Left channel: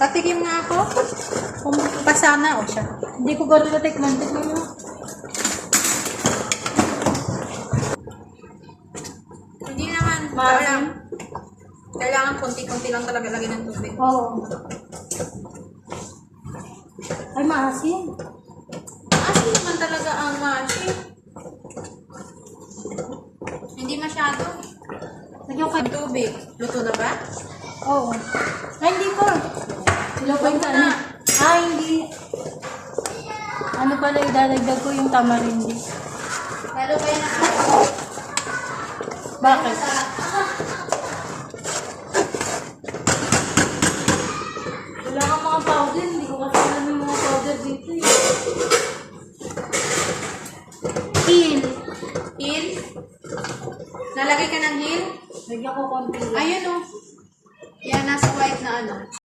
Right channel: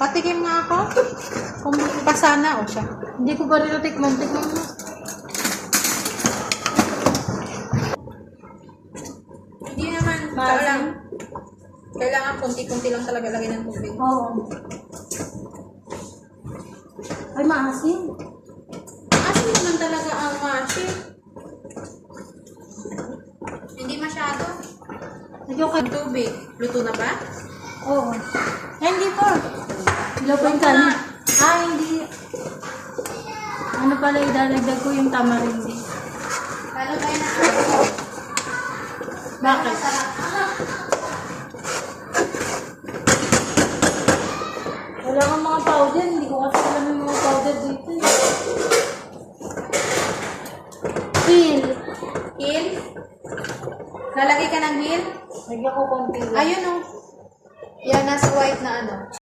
Patikim nga ako. Kung pasa na o siya. Hindi ko ba rin natikman. Tikman mo. Hindi naman. Maasim? Kailangan kunti-kunti lang talaga lagyan ng tubig. Oo. Ay, maasim. Asin naman talaga ang maasim. Hindi masyado. Nagyo ka. Ang tubig. Luto na ba? Oo. Ay, hindi po. Lutuin ka Huwag mo na. na. Ah, hindi. Ano pala, idadagdag ko yung tamarindi. Lalo kayo na. Bakit? Wala kang mga powder. Hindi ko kasi alam yung mga powder dito eh. Peel. Peel? Lalagay ka ng heel? Lagyan ko konti lang. Ayun o. Yan, nasa white na ano.